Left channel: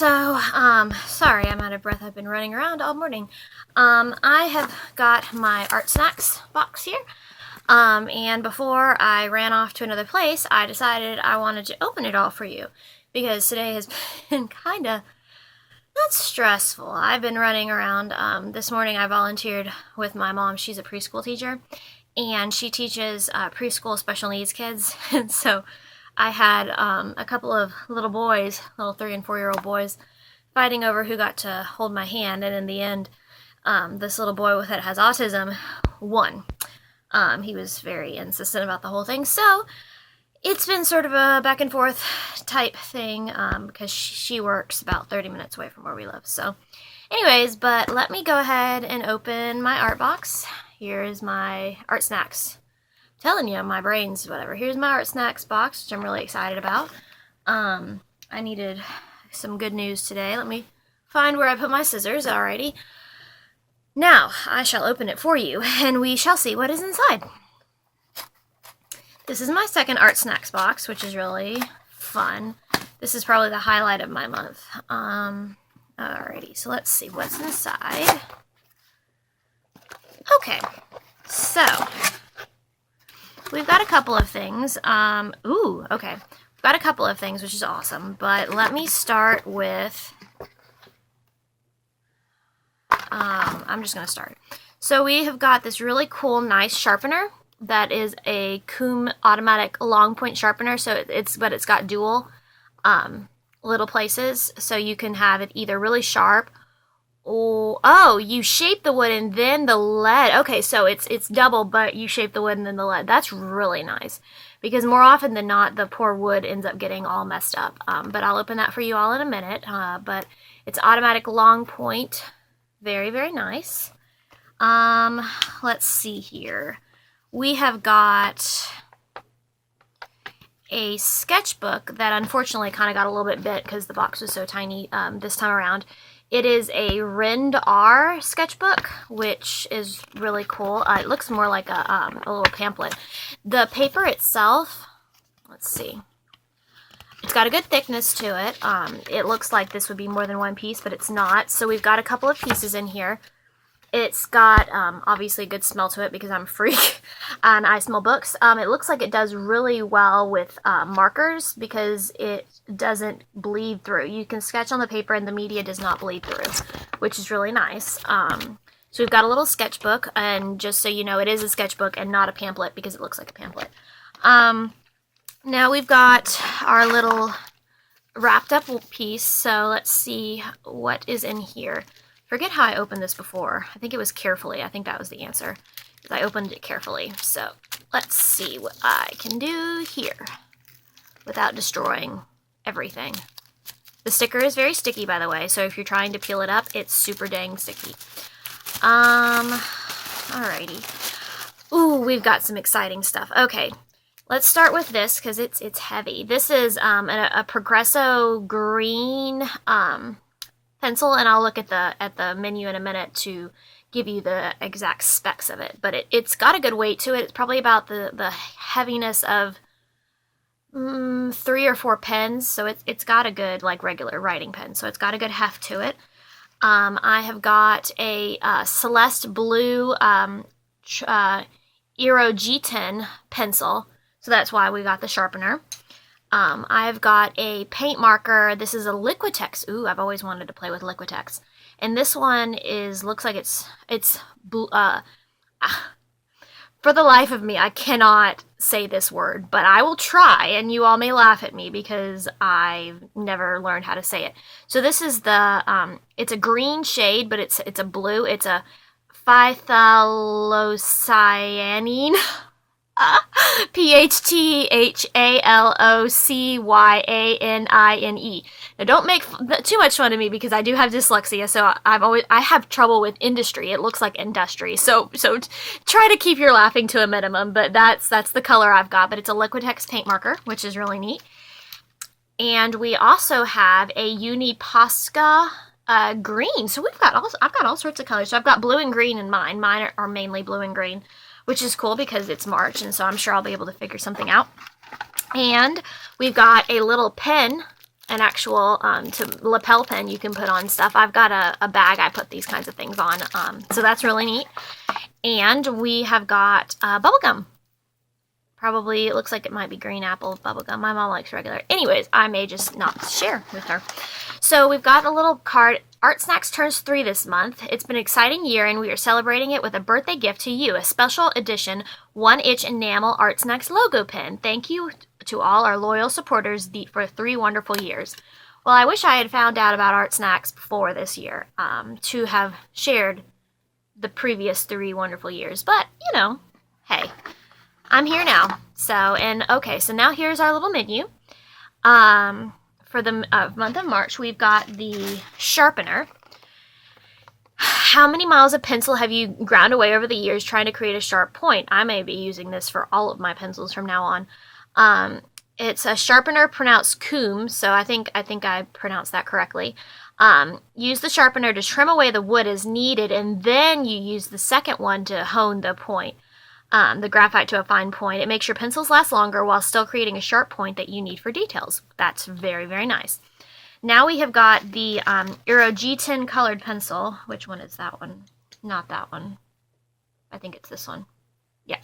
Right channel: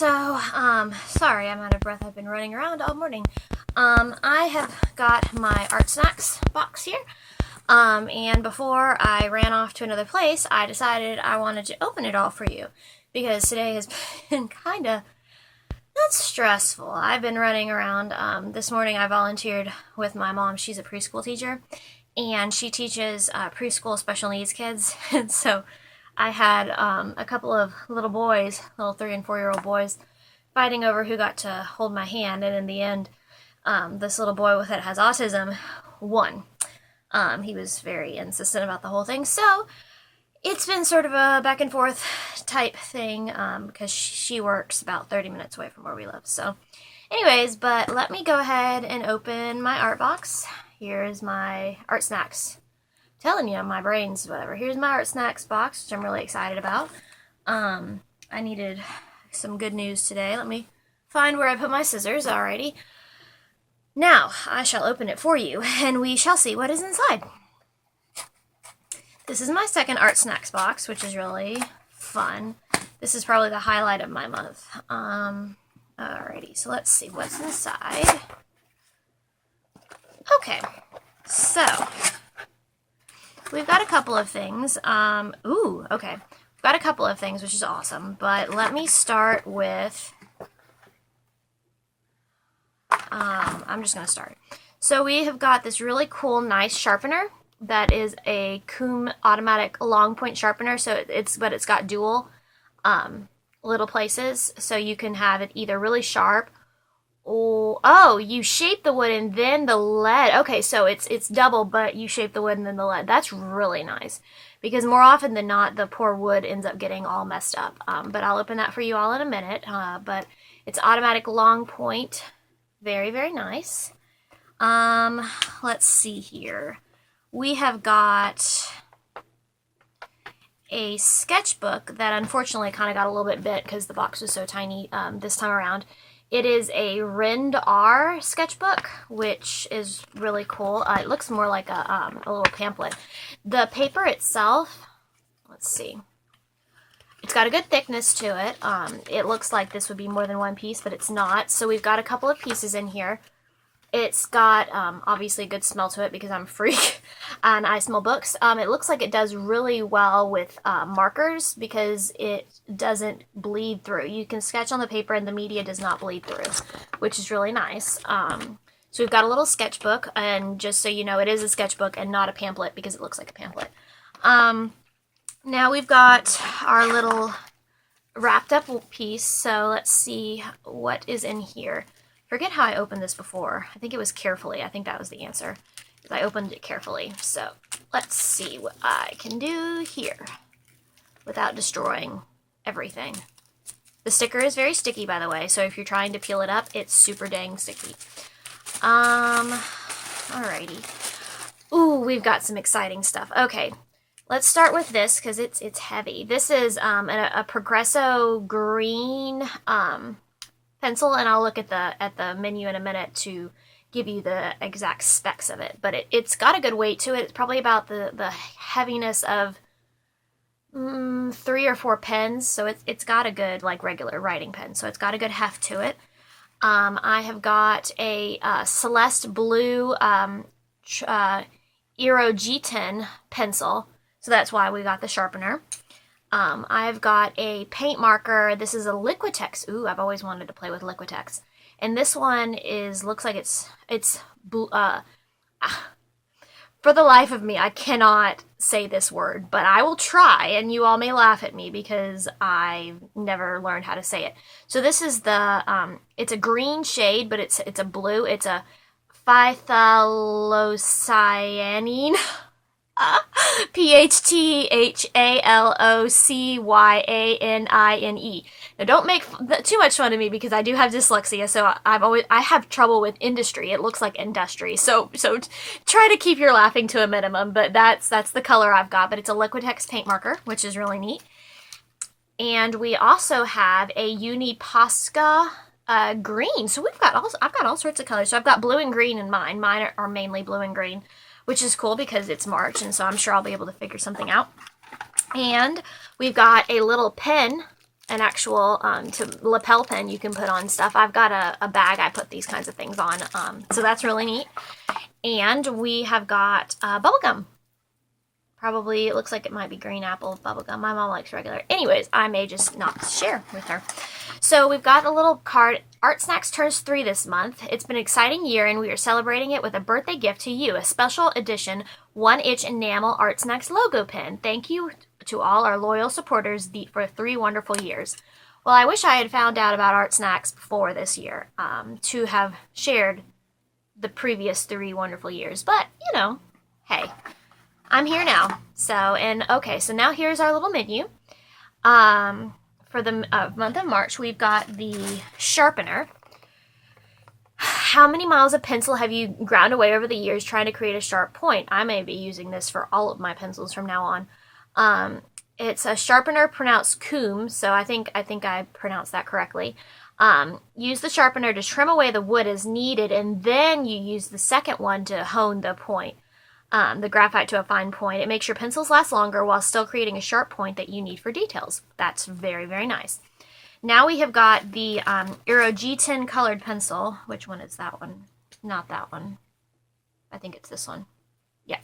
Sorry I'm out of breath. I've been running around all morning. I have got my Art Snacks box here. And before I ran off to another place, I decided I wanted to open it all for you because today has been kind of not stressful. I've been running around. This morning I volunteered with my mom. She's a preschool teacher, and she teaches preschool special needs kids. And so I had a couple of little boys, little 3 and 4-year-old boys, fighting over who got to hold my hand. And in the end, this little boy that has autism won. He was very insistent about the whole thing. So it's been sort of a back and forth type thing because she works about 30 minutes away from where we live. So anyways, but let me go ahead and open my art box. Here's my Art Snacks. Telling you, my brain's whatever. Here's my Art Snacks box, which I'm really excited about. I needed some good news today. Let me find where I put my scissors. Alrighty. Now, I shall open it for you, and we shall see what is inside. This is my second Art Snacks box, which is really fun. This is probably the highlight of my month. Alrighty, so let's see what's inside. Okay, so we've got a couple of things. Okay. We've got a couple of things, which is awesome. But let me start with... I'm just going to start. So we have got this really cool, nice sharpener that is a Coom automatic long point sharpener. So it's got dual little places. So you can have it either really sharp or... Oh, you shape the wood and then the lead. Okay, so it's double, but you shape the wood and then the lead. That's really nice. Because more often than not, the poor wood ends up getting all messed up. But I'll open that for you all in a minute. But it's automatic long point. Very, very nice. Let's see here. We have got a sketchbook that unfortunately kind of got a little bit bit because the box was so tiny this time around. It is a Rind R sketchbook, which is really cool. It looks more like a little pamphlet. The paper itself, let's see. It's got a good thickness to it. It looks like this would be more than one piece, but it's not. So we've got a couple of pieces in here. It's got, obviously, a good smell to it because I'm a freak and I smell books. It looks like it does really well with markers because it doesn't bleed through. You can sketch on the paper and the media does not bleed through, which is really nice. So we've got a little sketchbook, and just so you know, it is a sketchbook and not a pamphlet because it looks like a pamphlet. Now we've got our little wrapped up piece, so let's see what is in here. Forget how I opened this before. I think it was carefully. I think that was the answer. I opened it carefully. So let's see what I can do here without destroying everything. The sticker is very sticky, by the way, so if you're trying to peel it up, it's super dang sticky. Alrighty. Ooh, we've got some exciting stuff. Okay. Let's start with this because it's heavy. This is a Progresso green pencil, and I'll look at the menu in a minute to give you the exact specs of it. But it's got a good weight to it. It's probably about the heaviness of 3 or 4 pens. So it's got a good, like, regular writing pen. So it's got a good heft to it. I have got a Celeste Blue Aero G10 pencil. So that's why we got the sharpener. I've got a paint marker. This is a Liquitex. Ooh, I've always wanted to play with Liquitex. And this one looks like it's for the life of me, I cannot say this word, but I will try, and you all may laugh at me because I've never learned how to say it. So this is it's a green shade, but it's a blue. It's a phthalocyanine. Phthalocyanine. Now, don't make too much fun of me because I do have dyslexia, so I have trouble with industry. It looks like industry, so try to keep your laughing to a minimum. But that's the color I've got. But it's a Liquitex paint marker, which is really neat. And we also have a Uniposca green. So I've got all sorts of colors. So I've got blue and green in mine. Mine are mainly blue and green, which is cool because it's March, and so I'm sure I'll be able to figure something out. And we've got a little pen an actual lapel pin you can put on stuff. I've got a bag I put these kinds of things on, so that's really neat. And we have got bubblegum. Probably, it looks like it might be green apple bubblegum. My mom likes regular. Anyways, I may just not share with her. So we've got a little card. Art Snacks turns 3 this month. It's been an exciting year, and we are celebrating it with a birthday gift to you, a special edition 1-inch enamel Art Snacks logo pin. Thank you to all our loyal supporters for 3 wonderful years. Well, I wish I had found out about Art Snacks before this year to have shared the previous 3 wonderful years. But, you know, hey, I'm here now. So now here's our little menu. For the month of March, we've got the sharpener. How many miles of pencil have you ground away over the years trying to create a sharp point? I may be using this for all of my pencils from now on. It's a sharpener pronounced Coombe, so I think I pronounced that correctly. Use the sharpener to trim away the wood as needed, and then you use the second one to hone the point. The graphite to a fine point. It makes your pencils last longer while still creating a sharp point that you need for details. That's very, very nice. Now we have got the Aerogeton colored pencil. Which one is that one? Not that one. I think it's this one. Yeah.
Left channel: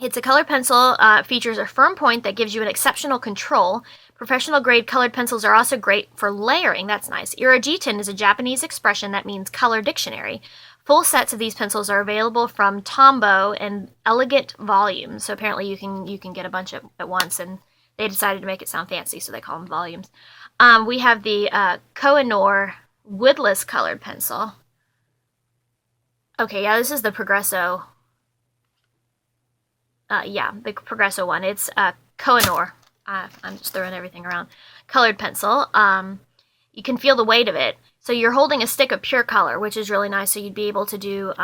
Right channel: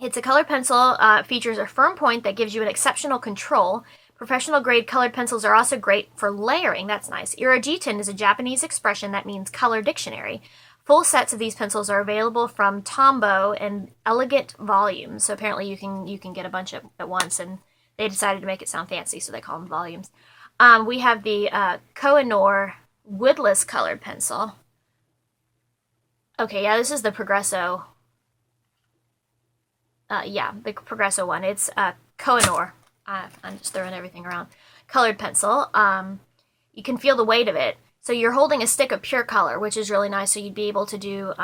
It's a colored pencil. Features a firm point that gives you an exceptional control. Professional grade colored pencils are also great for layering. That's nice. Aerogeton is a Japanese expression that means color dictionary. Full sets of these pencils are available from Tombow in elegant volumes. So apparently you can get a bunch at once, and they decided to make it sound fancy, so they call them volumes. We have the Koh-i-Noor woodless colored pencil. Okay, yeah, this is the Progresso. The Progresso one. It's Koh-i-Noor. I'm just throwing everything around. Colored pencil. You can feel the weight of it. So you're holding a stick of pure color, which is really nice. So you'd be able to do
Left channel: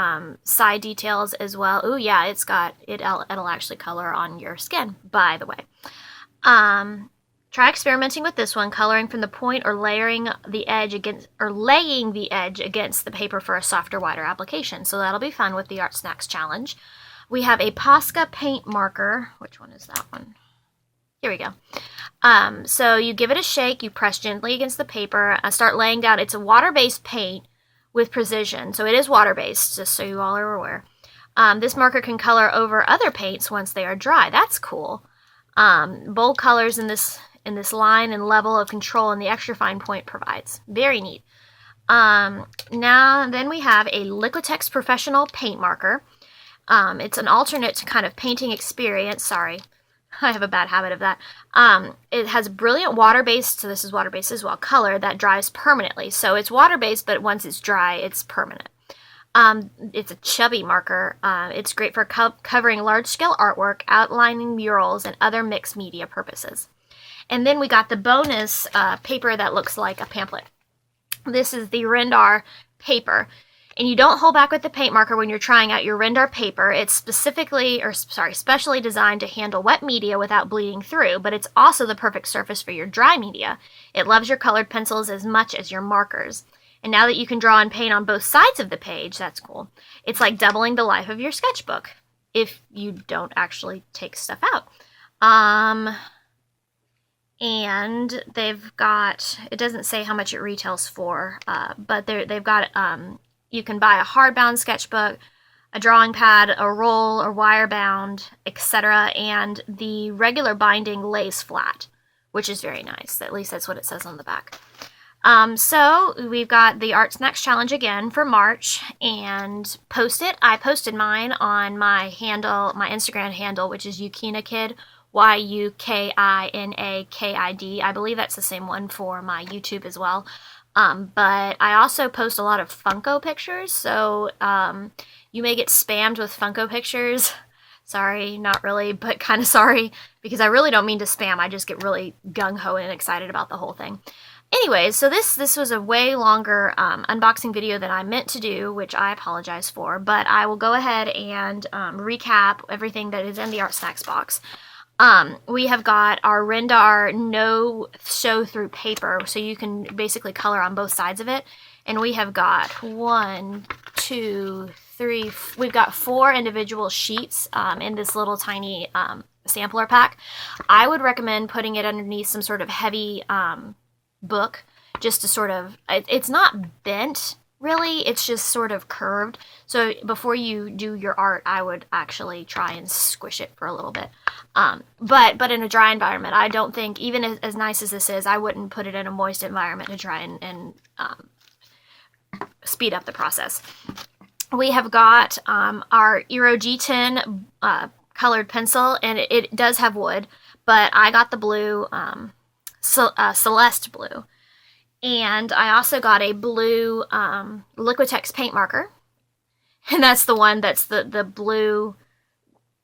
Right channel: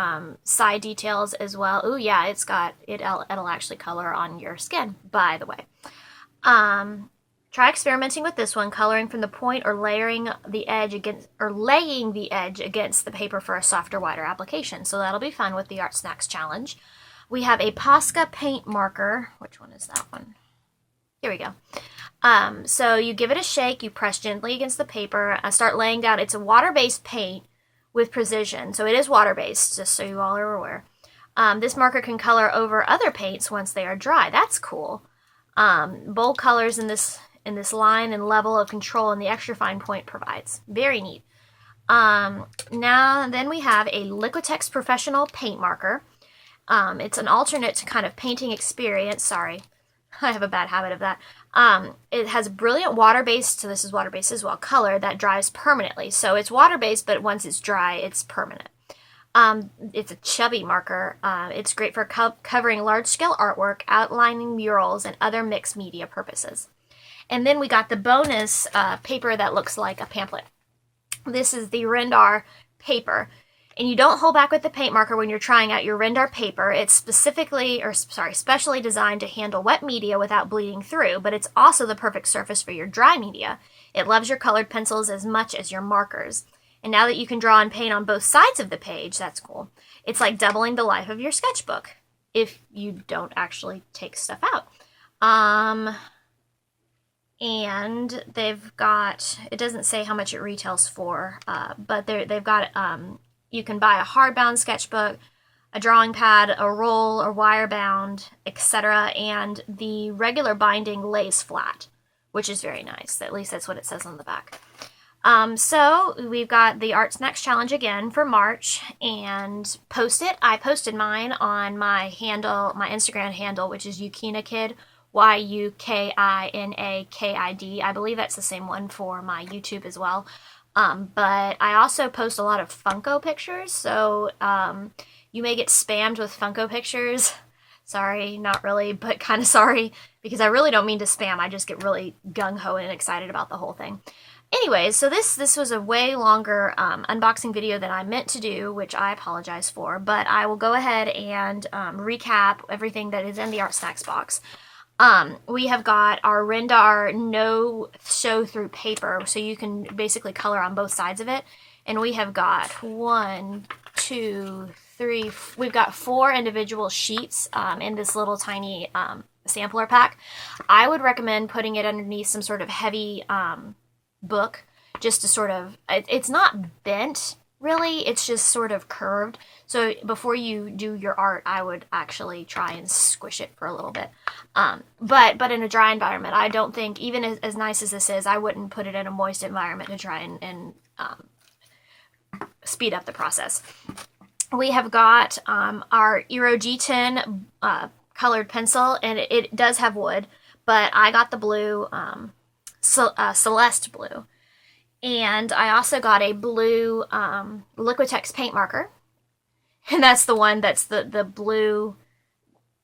side details as well. Ooh, yeah, it'll actually color on your skin, by the way. Try experimenting with this one, coloring from the point or laying the edge against the paper for a softer, wider application. So that'll be fun with the Art Snacks Challenge. We have a Posca paint marker. Which one is that one? Here we go. So you give it a shake, you press gently against the paper, start laying down. It's a water-based paint with precision. So it is water-based, just so you all are aware. This marker can color over other paints once they are dry. That's cool. Bold colors in this line and level of control and the extra fine point provides. Very neat. Then we have a Liquitex Professional Paint Marker. It's an alternate to kind of painting experience. Sorry, I have a bad habit of that. It has brilliant water-based, so this is water-based as well, color that dries permanently. So it's water-based, but once it's dry, it's permanent. It's a chubby marker. It's great for covering large-scale artwork, outlining murals, and other mixed media purposes. And then we got the bonus paper that looks like a pamphlet. This is the Rendar paper. And you don't hold back with the paint marker when you're trying out your Rendar paper. It's specially designed to handle wet media without bleeding through, but it's also the perfect surface for your dry media. It loves your colored pencils as much as your markers. And now that you can draw and paint on both sides of the page, that's cool. It's like doubling the life of your sketchbook if you don't actually take stuff out. And they've got, it doesn't say how much it retails for, but they've got, you can buy a hardbound sketchbook, a drawing pad, a roll or wire bound, etc. And the regular binding lays flat, which is very nice. At least that's what it says on the back. So we've got the Art Snacks Challenge again for March, and I posted mine on my handle, my Instagram handle, which is YuKinaKid, YuKinakid. I believe that's the same one for my YouTube as well. But I also post a lot of Funko pictures, so you may get spammed with Funko pictures. Sorry, not really, but kind of sorry, because I really don't mean to spam. I just get really gung-ho and excited about the whole thing. Anyways, so this was a way longer unboxing video than I meant to do, which I apologize for, but I will go ahead and recap everything that is in the Art Snacks box. We have got our Rendar no show-through paper, so you can basically color on both sides of it. And we have got 1, 2, 3, we've got 4 individual sheets in this little tiny sampler pack, I would recommend putting it underneath some sort of heavy book, just to sort of, it's not bent really, it's just sort of curved. So before you do your art, I would actually try and squish it for a little bit. But in a dry environment, I don't think, even as nice as this is, I wouldn't put it in a moist environment to try and speed up the process. We have got our Eero G10 colored pencil, and it does have wood, but I got the blue, Celeste blue. And I also got a blue Liquitex paint marker. And that's the one that's the blue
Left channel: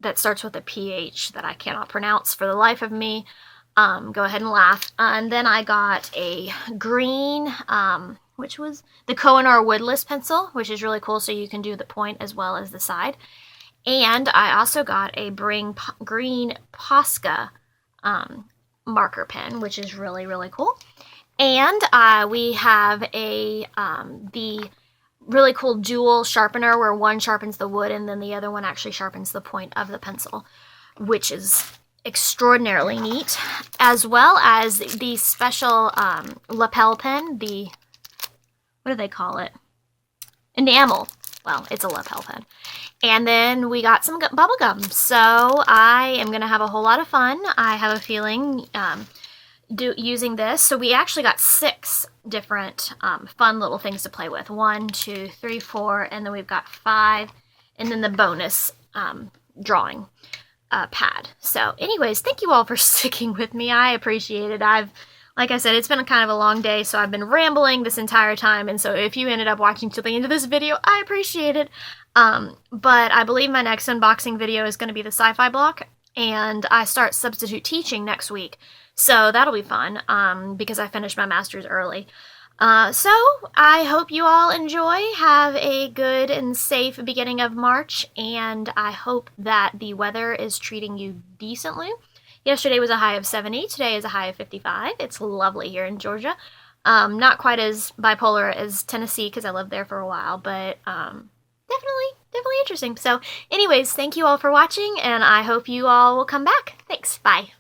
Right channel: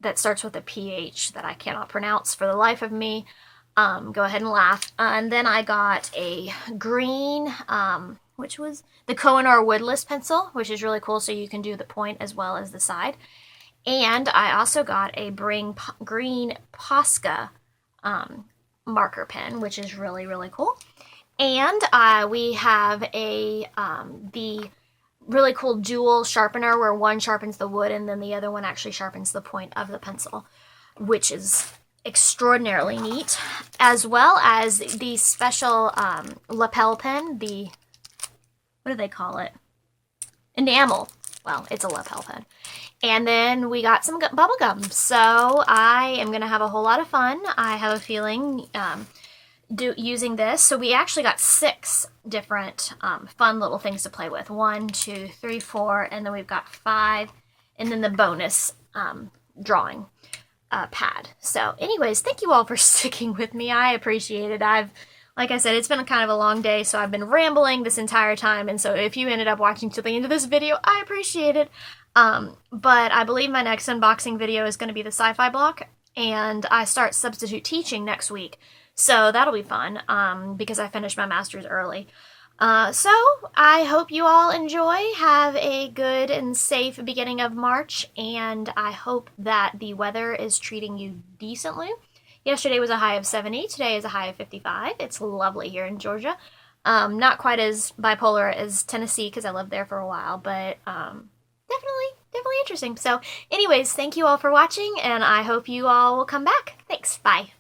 that starts with a PH that I cannot pronounce for the life of me. Go ahead and laugh. And then I got a green, which was the Koh-i-Noor Woodless pencil, which is really cool, so you can do the point as well as the side. And I also got a green Posca marker pen, which is really, really cool. And we have the really cool dual sharpener where one sharpens the wood and then the other one actually sharpens the point of the pencil, which is extraordinarily neat, as well as the special lapel pen, what do they call it? Enamel. Well, it's a lapel pen. And then we got some bubble gum. So I am going to have a whole lot of fun. I have a feeling using this. So we actually got 6 different fun little things to play with. 1, 2, 3, 4, and then we've got 5, and then the bonus drawing pad. So anyways, thank you all for sticking with me. I appreciate it. Like I said, it's been kind of a long day, so I've been rambling this entire time, and so if you ended up watching to the end of this video, I appreciate it. But I believe my next unboxing video is going to be the sci-fi block, and I start substitute teaching next week. So that'll be fun, because I finished my master's early. So I hope you all enjoy. Have a good and safe beginning of March, and I hope that the weather is treating you decently. Yesterday was a high of 70. Today is a high of 55. It's lovely here in Georgia. Not quite as bipolar as Tennessee because I lived there for a while, but definitely interesting. So anyways, thank you all for watching, and I hope you all will come back. Thanks. Bye.